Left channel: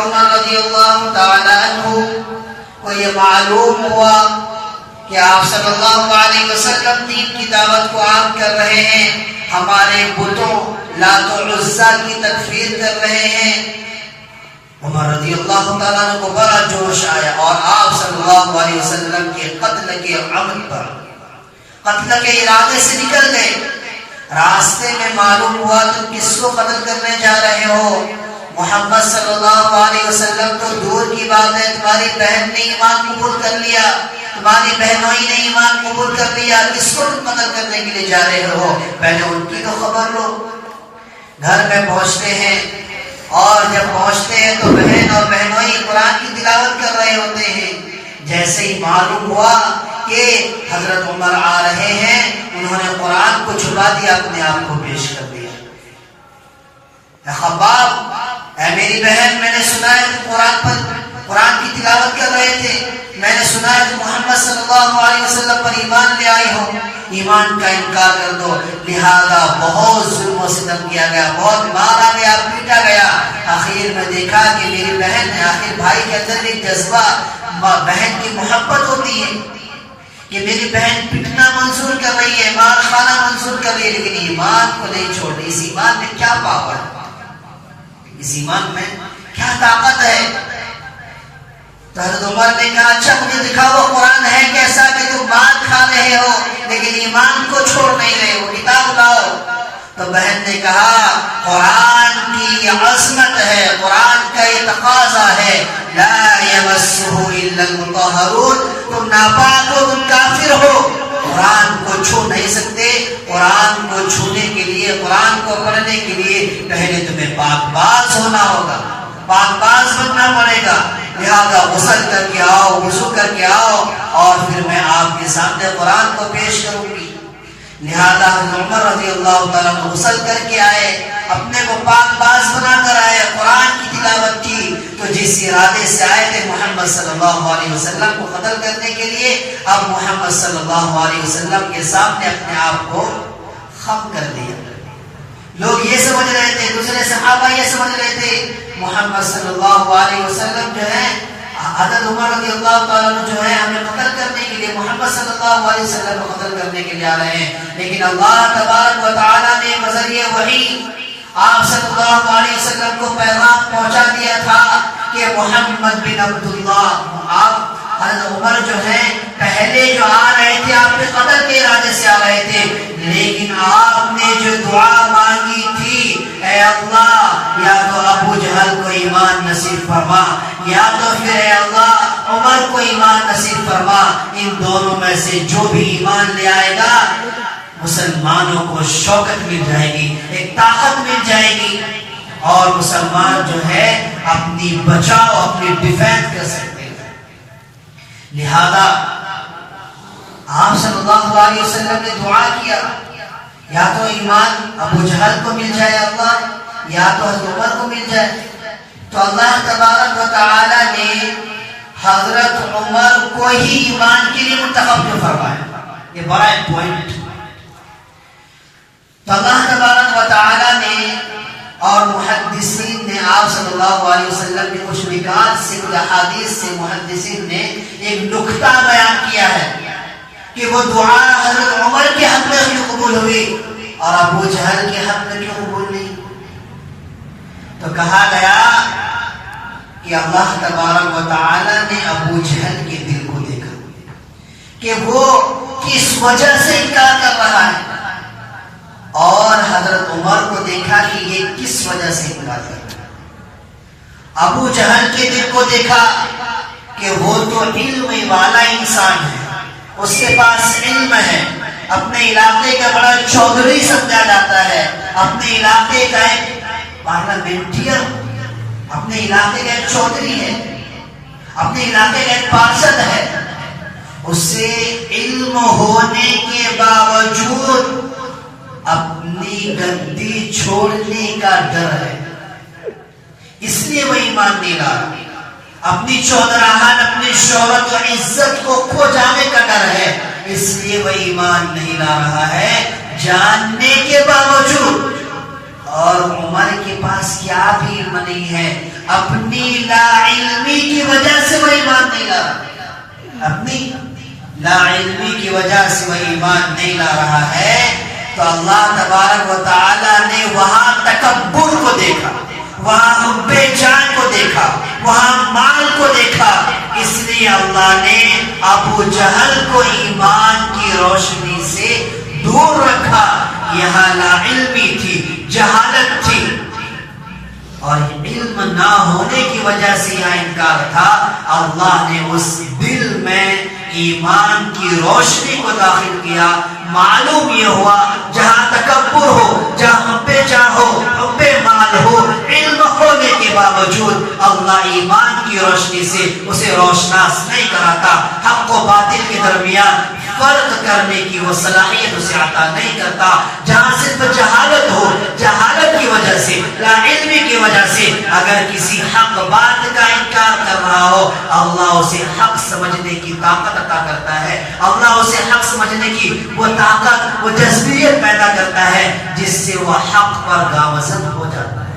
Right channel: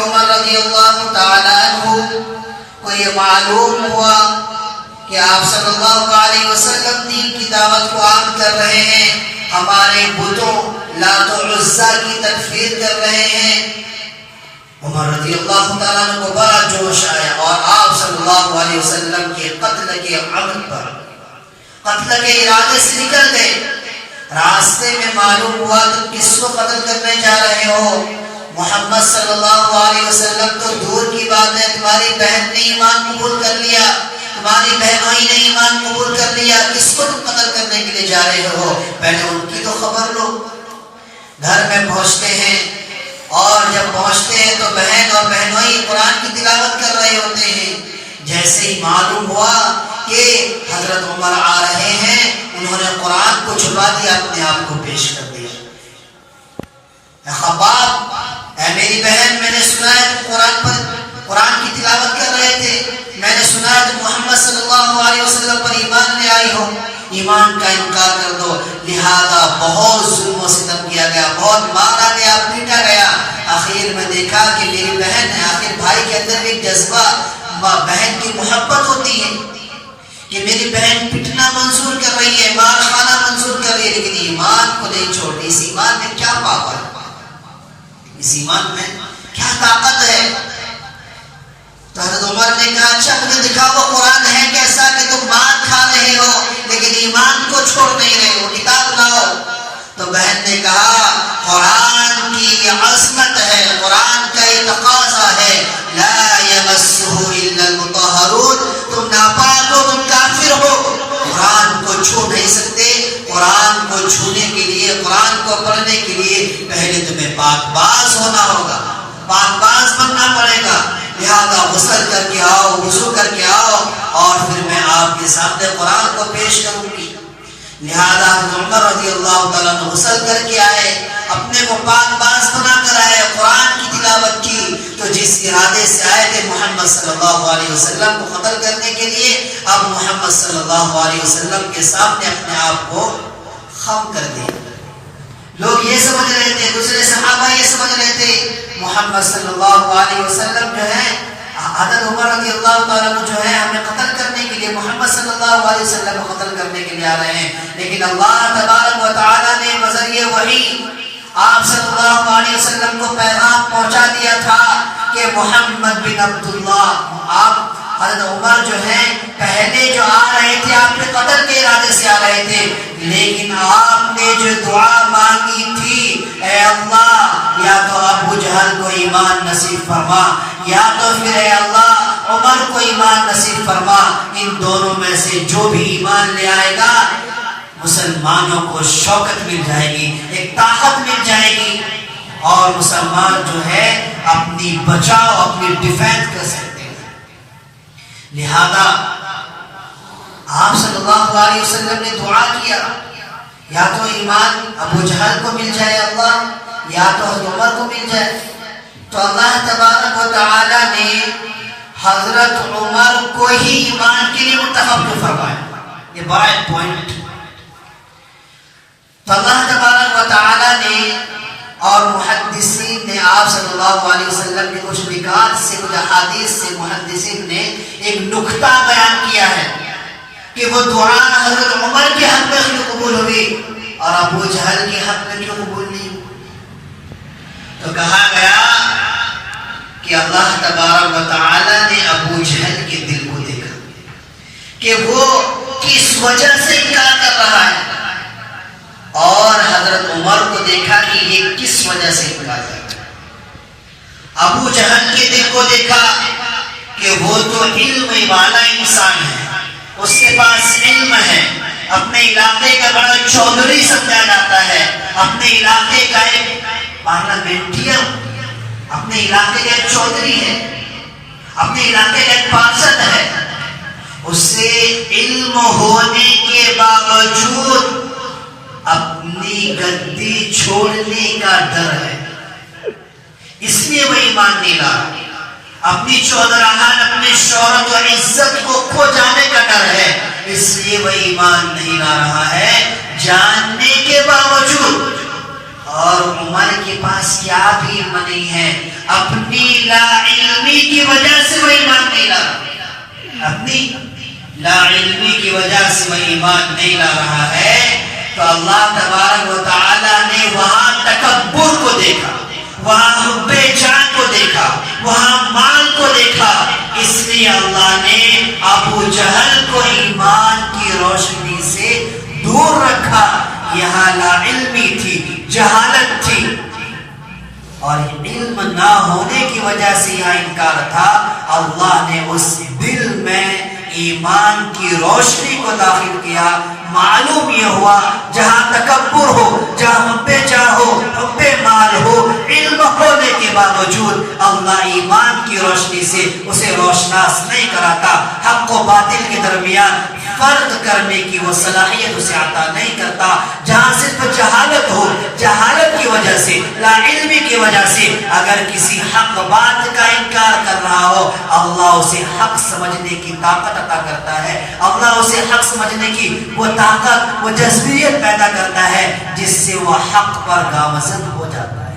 عمر رضی اللہ تعالیٰ عنہ کو یہ معلوم ہوا کہ آپ صلی اللہ علیہ وسلم دین کی دعوت کو عام کر رہے ہیں، ہمارے بتوں لات و عزیٰ کی تکفیر کر رہے ہیں، عمر رضی اللہ تعالیٰ عنہ کو بڑا جوش آیا اور آپ صلی اللہ علیہ وسلم کے قتل کے عمل پر، قتل کے ارادے سے نکل گئے۔ راستے میں معلوم ہوا تم کس کو قتل کرنے جا رہے ہو؟ محمد صلی اللہ علیہ وسلم تو دور کی بات ہے، تمہاری بہن نے ایمان قبول کر لیا، تمہاری بہنوئی نے ایمان قبول کر لیا، کس کو تم قتل کرنے کے لیے جا رہے ہو؟ پہلے ان کی تو خبر لو۔ گھر میں پہنچتے ہیں اور جب پہنچتے ہیں تو بہن اور بہنوئی قرآن کی تلاوت کر رہے ہوتے ہیں۔ جیسے ہی معلوم ہوا کہ حضرت عمر آ رہے ہیں، انہوں نے قرآن کو چھپا دیا، اپنے آپ کو پیش کر دیا۔ اے خباب، اے میری بہن، میں نے سنا ہے تم قرآن کی تلاوت کر رہے تھے، میں نے سنا ہے تم محمد صلی اللہ علیہ وسلم پر ایمان لے آئی ہو، ایمان کا انکار کر دو۔ لہذا بہت ظلم و ستم کیا گیا، بہت مارا گیا، پیٹا گیا۔ آخر میں دیکھا کہ میری بہن ہے، آخر بھائی کے اندر ایک جذبہ بہن کی محبت ہوتی ہے کہ میری بہن پٹنا منظور کر رہی ہے، مار کھانا منظور کر رہی ہے، لیکن ایمان کو نہیں چھوڑتی۔ اس ایمان میں کیا پاور ہے، اس ایمان میں کیا طاقت ہے؟ تو حضرت عمر نے کہا اچھا مجھے دکھاؤ قرآن ہے کیسا کہ تم مار کھا رہے ہو لیکن ایمان کو چھوڑ نہیں رہے ہو، کتاب لاؤ۔ تو بہن نے کہا قرآن کی عظمت ہے، قرآن کا یہ تقاضا ہے، لا یمسہ الا المطہرون، تم ناپاک ہو، تم کافر ہو، قرآن کو چھو نہیں سکتے۔ قرآن کو چھونے کے لیے، قرآن کو پڑھنے کے لیے پہلے تمہیں پاک باز ہونا ہوگا، پاک باز بننا پڑے گا۔ لہذا غسل کر کے آؤ، وضو کر کے آؤ، اور پھر میں آپ کے سامنے قرآن کو پیش کروں گی۔ لہذا عمر رضی اللہ تعالیٰ عنہ غسل کر کے آئے، اپنے کو پاک باز بنا کر آئے، قرآن کی تلاوت کی۔ تو جس ارادے سے آئے تھے محمد صلی اللہ علیہ وسلم کو قتل کرنے کے لیے، اب محمد صلی اللہ علیہ وسلم کے سامنے اپنے آپ کو خم کر دیا۔ لوگ یہ سمجھ رہے تھے، دوسرے صحابہ یہ سمجھ رہے تھے محمد صلی اللہ علیہ وسلم جو ہے، حضرت عمر رضی اللہ تعالیٰ عنہ جو ہے ہمیں قتل کرنے کے لیے، محمد صلی اللہ علیہ وسلم کو قتل کرنے کے لیے آ رہے ہیں۔ لیکن اللہ تبارک و تعالیٰ نے بذریعہ وحی آپ صلی اللہ علیہ وسلم کو پیغام پہنچا دیا تھا کہ محمد بن عبداللہ، آپ حضرت عمر جو ہیں پہلے جو آ رہے تھے آپ کے قتل کے ارادے سے آ رہے تھے، لیکن آپ نے جو دعا مانگی تھی، اے اللہ یا تو ابو جہل کو ایمان نصیب فرما، یا تو پھر اے اللہ عمر کو ایمان نصیب فرما، ان دونوں میں سے جو بھی ایمان لے آئے گا مسلمانوں کو شوکت مل جائے گی، ایک طاقت مل جائے گی، اور مسلمان جو ہے اپنی بچاؤ، اپنی ڈیفینس کر سکتے۔ لہذا آپ صلی اللہ علیہ وسلم نے دعا کیا، یا تو ایمان ابو جہل کو مل جائے اللہ، یا تو حضرت عمر کو مل جائے۔ تو اللہ تبارک و تعالی نے حضرت عمر کو ہی ایمان کے لیے منتخب کیوں فرمایا؟ یہ بڑا پوائنٹ۔ تو اللہ تبارک و تعالی نے اور محدثین نے آپ صلی اللہ علیہ وسلم نے کچھ نکات سے، کچھ احادیث سے محدثین نے ایک نکتہ بیان کیا ہے کہ وہ دعا حضرت عمر کے حق میں کیوں قبول ہوئی اور ابو جہل کے حق میں کیوں قبول نہیں؟ تو کہا گیا کہ اللہ تبارک و تعالی نے ابو جہل کے دل کو دیکھا کہ وہ کس وجہ سے انکار کر رہا ہے، اور حضرت عمر کو دیکھا کہ یہ کس وجہ سے انکار کر رہا ہے۔ ابو جہل کے دل کو دیکھا کہ وہ تو علم والا انسان ہے، اس کے پاس علم ہے، اپنے علاقے کا بڑا چودھری سمجھا جاتا ہے، اپنے علاقے کا ایک پارلیمنٹرین، اپنے علاقے کا ایک چودھری ہے، اپنے علاقے کا ایک پارشد ہے، اس سے علم ہونے کے باوجود اپنی گدی چھوڑنے کا ڈر ہے، اس لیے وہ ایمان نہیں لایا۔ اپنی چودراہٹ، اپنی شہرت و عزت کو کھو جانے کا ڈر ہے، اس لیے وہ ایمان نہیں لا رہا ہے، جاننے کے باوجود۔ اور عمر کے پاس کیا بھی علم نہیں ہے، اپنی لا علمی کی وجہ سے وہ ایمان نہیں لا رہا، اپنی لا علمی کی وجہ سے وہ ایمان نہیں لا رہا ہے۔ تو اللہ تبارک و تعالی نے وہاں تکبر کو دیکھا، وہاں حب جان کو دیکھا، وہاں مال کو دیکھا، اس لیے اللہ نے ابو جہل کو ایمان کی روشنی سے دور رکھا۔ یہاں لا علمی تھی، جہالت تھی، اور علم نہ ہونے کی وجہ سے یہاں انکار تھا۔ اللہ نے اس دل میں ایمان کی روشنی کو داخل کیا۔ معلوم یہ ہوا جہاں تکبر ہو، جہاں حب جاہ ہو، حب مال ہو، علم ہونے کے باوجود اللہ ایمان کی روشنی سے اسے روشناس نہیں کراتا، حق و باطل کے درمیان فرق کرنے کی وہ صلاحیت اسے عطا نہیں کرتا۔ جہاں صرف جہالت ہو، جہالت کی وجہ سے، لا علمی کی وجہ سے اگر کسی حق بات کا انکار کر رہا ہو، اللہ اسے حق سمجھنے کی طاقت عطا کرتا ہے، اللہ اسے حق سمجھنے کی وہ طاقت، وہ جذبیت پیدا کرتا ہے جس سے وہ حق پر گامزن ہو جاتا ہے۔